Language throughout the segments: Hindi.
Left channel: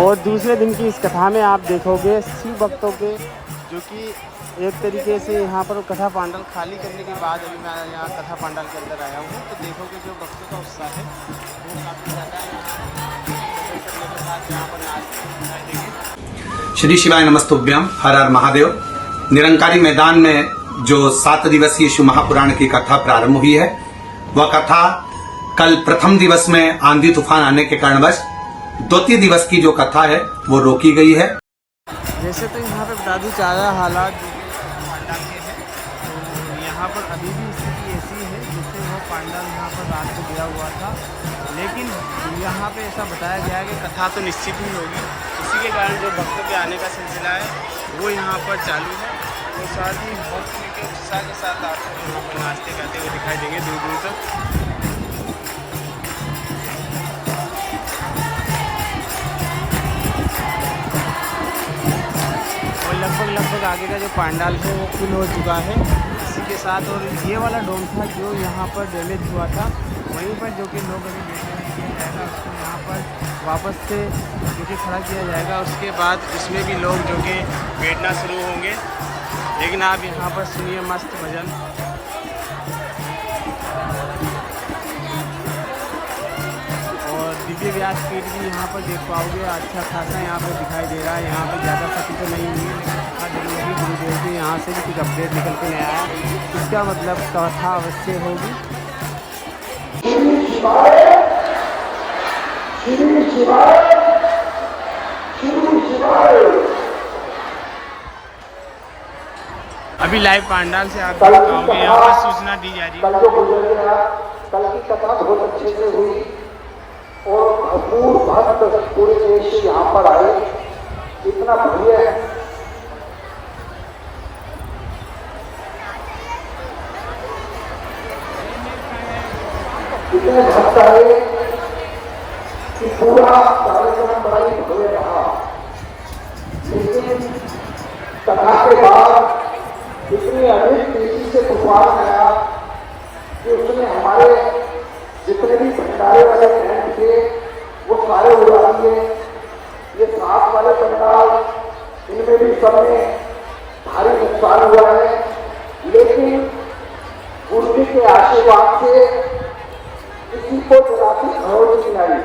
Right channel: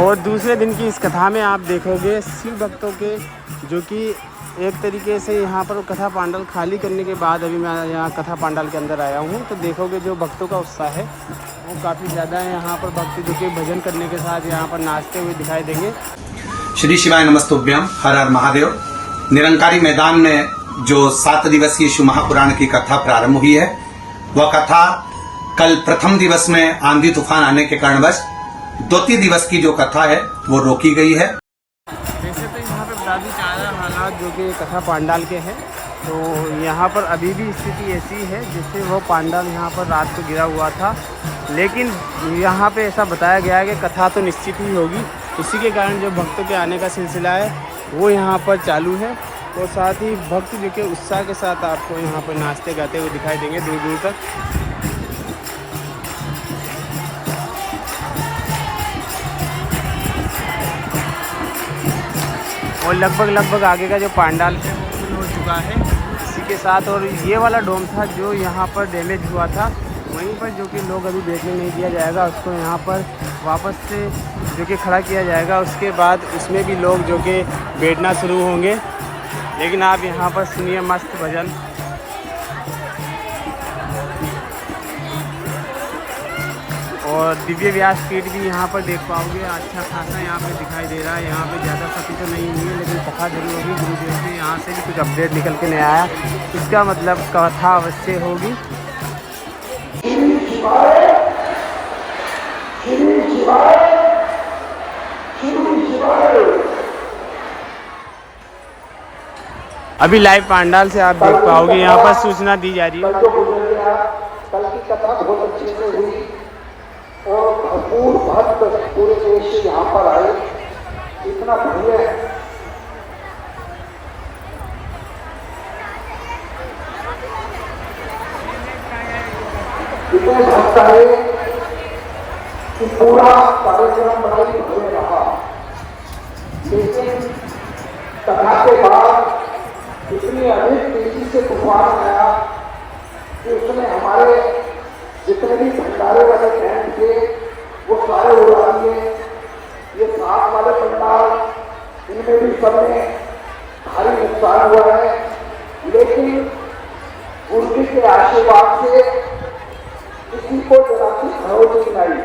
और दूसरे दिन की इस कथा में आप देखोगे शिव भक्तों के जो कि एक तरीके से यहाँ पर कथा पांडाल खाली करने के बाद अभी मैं यहाँ कथा पांडाल के अंदर आया हूँ, तो देखोगे जो भक्तों का उत्साह है वो काफ़ी ज़्यादा है। यहाँ पर भक्त देखिए भजन करने के साथ यहाँ पर नाचते हुए दिखाई देंगे। श्री शिवाय नमस्तुभ्यम, हर हर महादेव। निरंकारी मैदान में जो 7 दिवसीय शिव महापुराण की कथा प्रारंभ हुई है, वह कथा कल प्रथम दिवस में आंधी तूफान आने के कारणवश द्वितीय दिवस की जो कथा है वो रोकी गई है। वैसे तो यहाँ पे बता दूँ ज़्यादा हालात जो कि कथा पांडाल के हैं, तो यहाँ पर अभी भी स्थिति ऐसी है जैसे वो पांडाल यहाँ पर रात को गिरा हुआ था, लेकिन यहाँ पे ऐसा बताया गया है कि कथा तो निश्चित ही होगी। इसी के कारण जो भक्तों के आने का सिलसिला है वो यहाँ पर चालू है, और साथ ही भक्त जो कि उत्साह के साथ आपको यहाँ पर नाचते जाते हुए दिखाई देंगे दूर दूर तक। और लगभग आगे का जो पांडाल है वो फिल हो चुका है इसी के साथ। और ये वाला डोम था जो यहाँ पर डैमेज हुआ था, वहीं पर जो कि लोग अभी देखने नहीं दिया जाएगा, उसको यहाँ पर वापस से जो कि खड़ा किया जाएगा। उसके बाद उसमें भी लोग जो कि बैठना शुरू होंगे। लेकिन आप यहाँ पर सुनिए मस्त भजन। और दिव्य व्यासपीठ भी यहाँ पर देख पाओगे, अच्छा खासा यहाँ पे दिखाई दे रहा है। यहाँ पे ज़्यादा क्षति तो नहीं हुई है, लेकिन कथा जरूर होगी। गुरुदेव से यहाँ से भी कुछ अपडेट निकल के नहीं आया, इसका मतलब कथा अवश्य होगी। अभी लाइव पांडाल से आप देख पाओगे, यहाँ पर सूचना दी जा रही है। कल जो गुजर गया, कल की कथा बहुत अच्छे से हुई और भरपूर भक्त पूरे देश से यहाँ पर आए। इतना भव्य है, इतने भक्त आए कि पूरा कार्यक्रम भाई भव्य रहा। लेकिन कथा के बाद इतनी अधिक तेजी से तूफान आया कि उसने हमारे जितने भी भंडारे वाले टेंट थे वो सारे उड़ा दिए। ये 7 वाले पंडाल, इनमें भी सब में भारी नुकसान हुआ है, लेकिन गुरु जी के आशीर्वाद से किसी को जरा सी खरोच नहीं आई।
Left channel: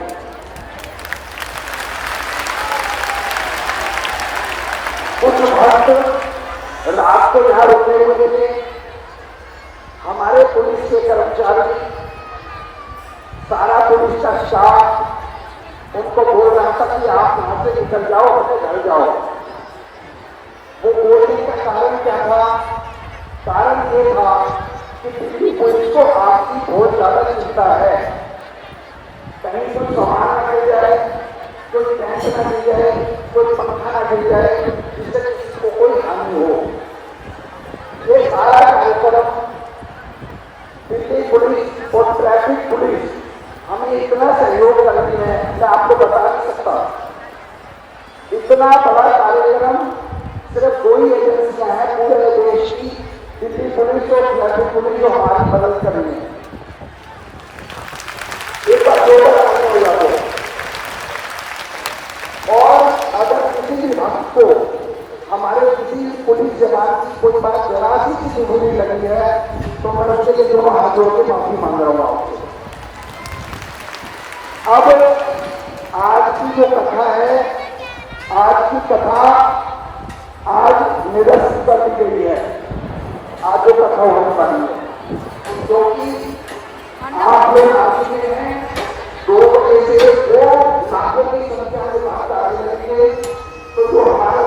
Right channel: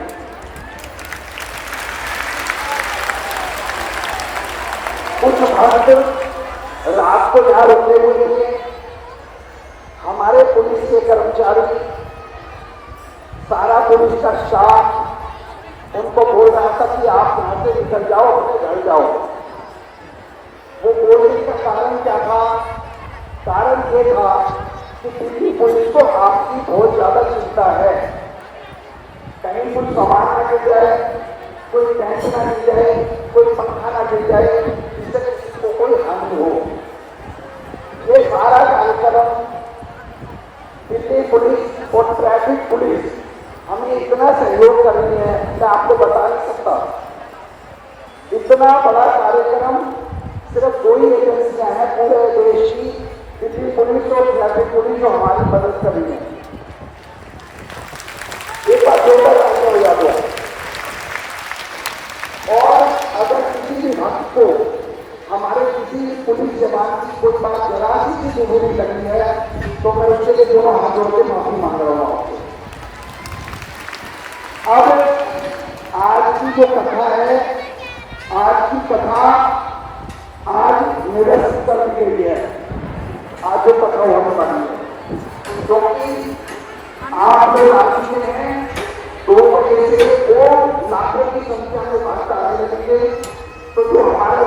कुछ भक्त रात को जहां रुके हुए थे, हमारे पुलिस के कर्मचारी, सारा पुलिस का स्टाफ उनको बोल रहा था कि आप वहां से निकल जाओ, अपने घर जाओ। वो बोलने का कारण क्या था? कारण ये था कि दिल्ली पुलिस को आपकी बहुत ज्यादा चिंता है। कहीं कोई सामान ना मिल जाए, कोई पैसे ना मिल जाए, कोई पंखा ना मिल जाए, इससे किसी को कोई हानि हो। ये सारा कार्यक्रम दिल्ली पुलिस और ट्रैफिक पुलिस हमें इतना सहयोग कर रही है, मैं आपको बता नहीं सकता। इतना बड़ा कार्यक्रम सिर्फ 2 ही एजेंसियां हैं पूरे देश की, दिल्ली पुलिस और ट्रैफिक पुलिस जो हमारी मदद कर रही है। और अगर किसी भी भक्त को हमारे किसी पुलिस जवान की कोई बात जरा सी की बुरी लगी है, तो मैं उसके लिए दोनों हाथ जोड़ के माफी मांग रहा हूँ आपसे। अब आज की जो कथा है, आज की कथा आज निरस्त कर दी गई है। आज जो कथा होने वाली है, क्योंकि आप लोग आ चुके हैं 2 बजे से 2 लाखों की संख्या में बात आने लगेंगे, तो जो हमारा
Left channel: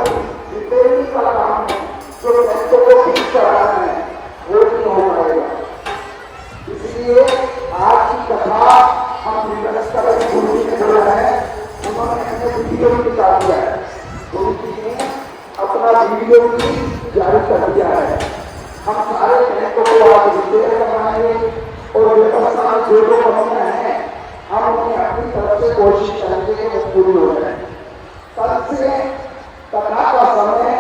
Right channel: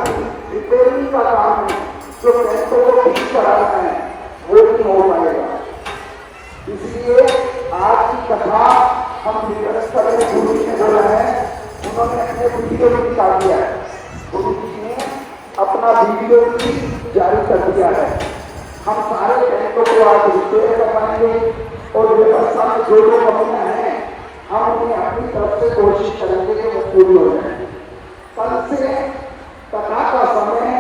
रिपेयरिंग का काम है, जो टेंटों को ठीक कराना है, वो नहीं हो पाएगा। इसलिए आज की कथा हम निरस्त करके गुरु जी ने बोला है, उन्होंने अपने वीडियो निकाल दिया है। गुरु जी ने अपना वीडियो भी जारी कर दिया है। हम सारे टेंटों को आज रिपेयर करवाएंगे और व्यवस्था में जो कमियां हैं हम उन्हें अपनी तरफ से कोशिश करेंगे कि वो पूरी हो जाए। कल से कथा का समय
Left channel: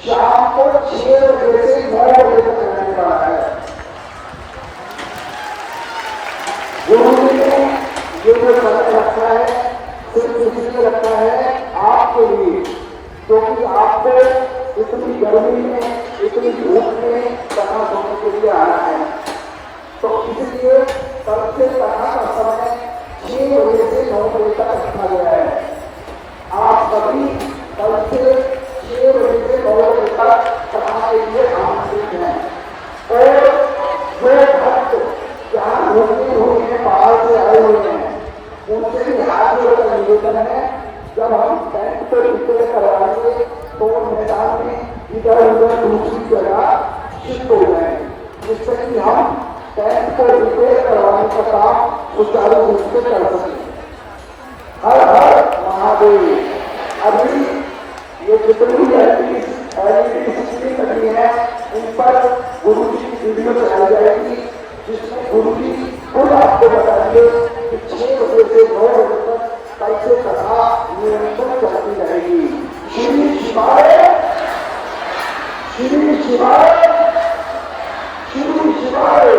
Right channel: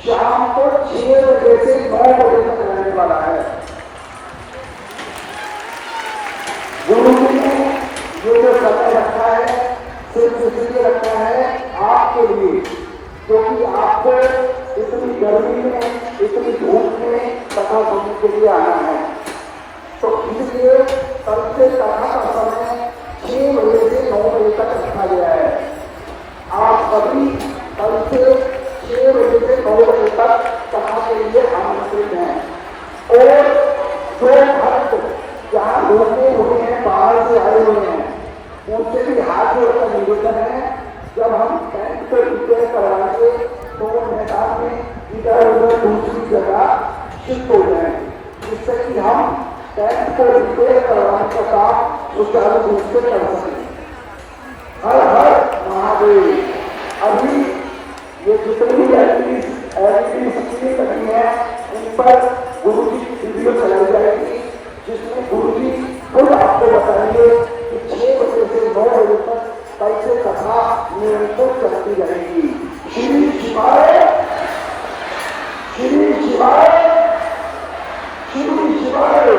शाम को 6 बजे से 9 बजे तक रहने वाला है। गुरु जी ने जो समय रखा है सिर्फ इसलिए रखा है आपके लिए, क्योंकि आपको इतनी गर्मी में, इतनी धूप में कथा सुनने के लिए आना है। तो इसलिए कल से कथा का समय 6 बजे से 9 बजे तक रखा गया है। आप सभी कल से 6 बजे से 9 बजे तक कथा के लिए आमंत्रित हैं। और जो भक्त जहाँ घूमने हुए हैं, बाहर से आए हुए हैं, उनसे भी हाथ जोड़कर निवेदन है, जब हम टेंट पे विजय करवाएंगे तो मैदान में इधर उधर दूसरी जगह शिफ्ट हो जाए, जिससे कि हम टेंट को विजय करवाने का काम सुचारू रूप से कर सकें। हर हर महादेव। अभी ये जितनी एलईडी स्क्रीन लगी है, उन पर गुरु जी की वीडियो चलाई जाएगी, जिसमें गुरु जी खुद आपको बताएंगे कि 6 बजे से 9 बजे तक कल से कथा निरंतर चलती रहेगी। श्री शिवाय, श्री शिवाय, श्री शिवाय।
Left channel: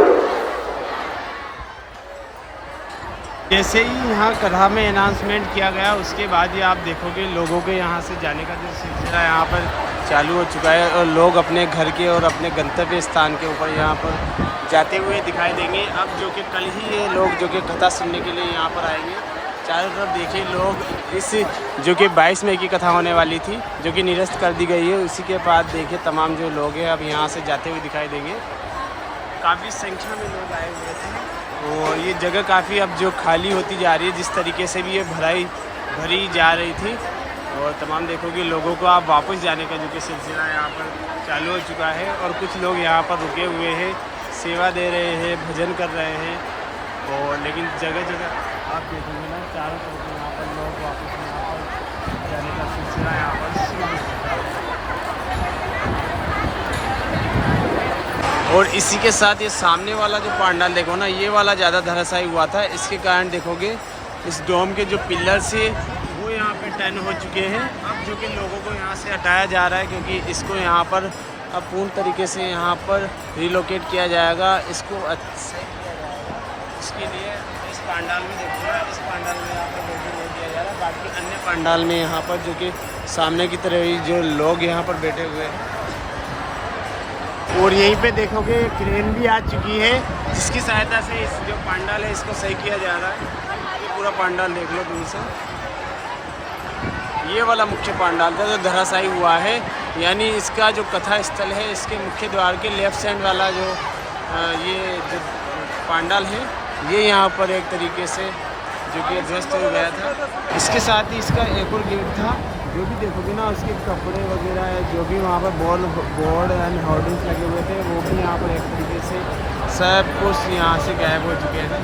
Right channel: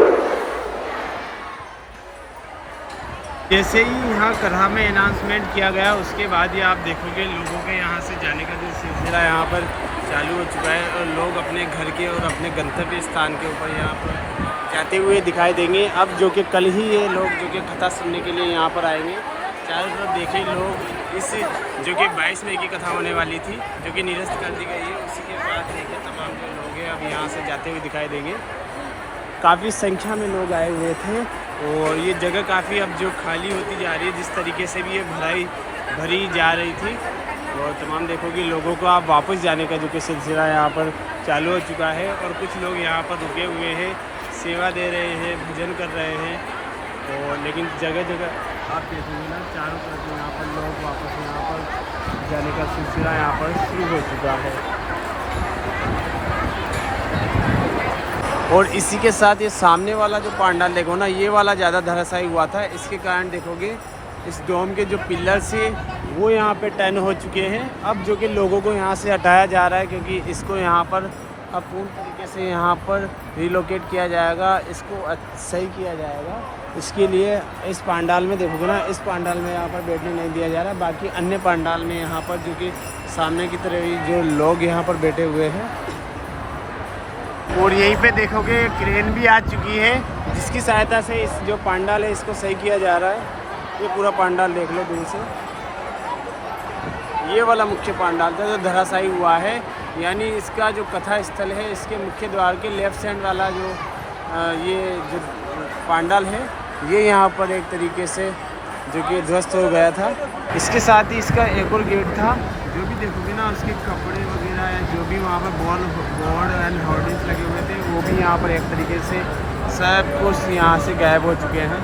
जैसे ही यहाँ करहा में अनाउंसमेंट किया गया, उसके बाद ही आप देखोगे लोगों के यहाँ से जाने का जो सिलसिला यहाँ पर चालू हो चुका है और लोग अपने घर के और अपने गंतव्य स्थान के ऊपर यहाँ पर जाते हुए दिखाई देंगे। अब जो कि कल ही ये लोग जो कि कथा सुनने के लिए यहाँ पर आएंगे। चारों तरफ देखिए लोग इस जो कि 22 मई की कथा होने वाली थी, जो कि निरस्त कर दी गई है, उसी के बाद देखिए तमाम जो लोग हैं अब यहाँ से जाते हुए दिखाई देंगे। काफ़ी संख्या में लोग आए हुए थे और ये जगह काफ़ी अब जो खाली होती जा रही है, जिस तरीके से भी ये भरी जा रही थी। और तमाम देखोगे लोगों को आप वापस जाने का जो कि सिलसिला यहाँ पर चालू हो चुका है और कुछ लोग यहाँ पर रुके हुए हैं, सेवा दे रहे हैं, भजन कर रहे हैं। और लेकिन जगह जगह आप देखेंगे ना, चारों तरफ यहाँ पर लोग वापस यहाँ पर जाने का सिलसिला यहाँ पर शुरू हो चुका है। और इसी के साथ ये सामने वाला जो पंडाल देखो ना, ये वाला ज़्यादा धराशायी हुआ था। इसके कारण देखोगे इस डोम के जो पिलर्स है वो यहाँ पे टर्न हो चुके हैं। अब जो कि लोगों को यहाँ से हटाया जा रहा है, क्योंकि इसको यहाँ पर अब पूर्ण तरीके से यहाँ पर रिलोकेट किया जाएगा, इसको सही किया जाएगा। इसके लिए इस पंडाल में देखोगे ना, इस पंडाल में यहाँ पर बैठने नहीं दिया जाएगा, बाकी अन्य पंडाल में यहाँ पर जो कि सामने की तरफ जो लोग यहाँ पर बैठे हुए हैं। और यहीं पे देखोगे क्रेन भी आ चुकी है, जिसकी सहायता से इस जो पंडाल है इसको सही किया जा रहा है। ये पूरा पंडाल देख लो दूर से, ये वाला मुख्य पंडाल था जो धराशायी हुआ है। यानी इसका जो कथा स्थल है, इसके मुख्य द्वार के लेफ्ट साइड वाला जो ये जो पंडाल है, ये यहाँ पर एक तरीके से जो कि ध्वस्त हो गया था। इसके साथ ही इसका एक और गेट था, जो भी देखोगे ना उसके कपड़े वगैरह या जो भी वहाँ पर बोर्ड एंड होर्डिंग्स लगे हुए थे, वो भी यहाँ पर एक तरीके से सब कुछ यहाँ से गायब हो चुके हैं।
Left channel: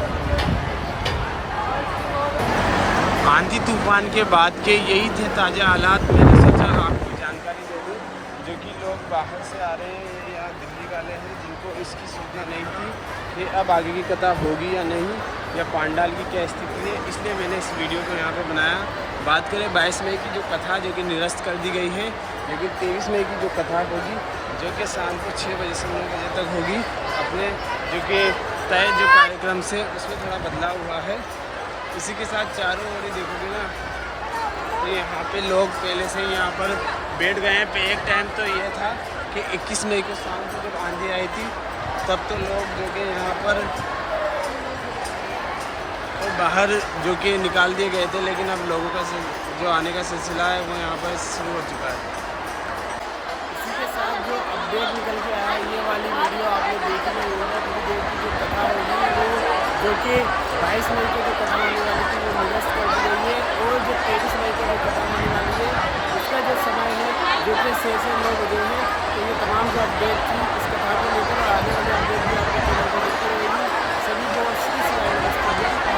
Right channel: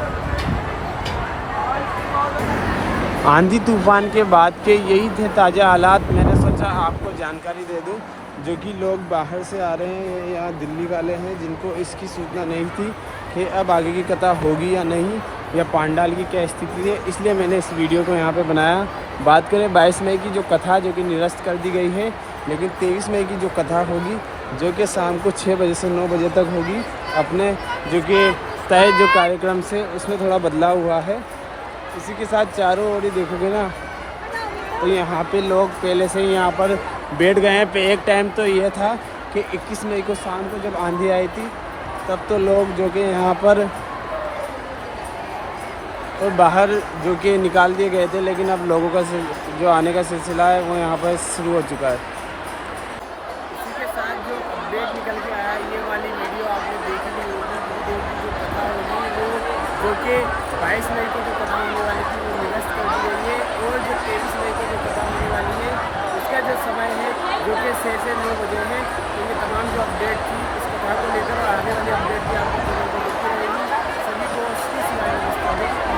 आंधी तूफान के बाद के यही थे ताज़ा हालात। मैंने सोचा आपको जानकारी दे दूँ, जो कि लोग बाहर से आ रहे हैं, यहाँ दिल्ली वाले हैं, जिनको इसकी सूचना नहीं थी कि अब आगे की कथा होगी या नहीं, या पंडाल की क्या स्थिति है, इसलिए मैंने इस वीडियो को यहाँ पे बनाया। बात करें 22 मई की जो कथा जो कि निरस्त कर दी गई है, लेकिन 23 मई की जो कथा होगी, जो कि शाम को 6 बजे से 9 बजे तक होगी, अपने जो कि तय जो कार्यक्रम से उसमें थोड़ा बदलाव हुआ है। इसी के साथ चारों ओर ही देखोगे ना, तो यहाँ पे लोग पहले से ही यहाँ पर बैठ गए हैं। पे एक टाइम तो ये था कि 21 मई को शाम को जब आंधी आई थी, तब तो लोग जो कि यहाँ पर बाहर जो कि निकाल दिए गए थे, लेकिन अब लोगों का जो आने का सिलसिला है वो यहाँ पर शुरू हो चुका है। इसी के साथ जो अपडेट निकल के आया, ये वाली वीडियो आपने देख ली होगी। थोड़ी देर की जो कथा होगी वो जो कि 22 मई को जो कथा होने वाली थी वो निरस्त कर दी गई है, और जो 23 मई को जो कथा होने वाली है उसका जो समय है जो कि 6 से 9 बजे है। तो ये तमाम जो अपडेट थी इस कथा को लेकर, आगे वाली अपडेट भी आपको चैनल पर मिलती रहेगी। सभी को श्री शिवाय नमस्कार।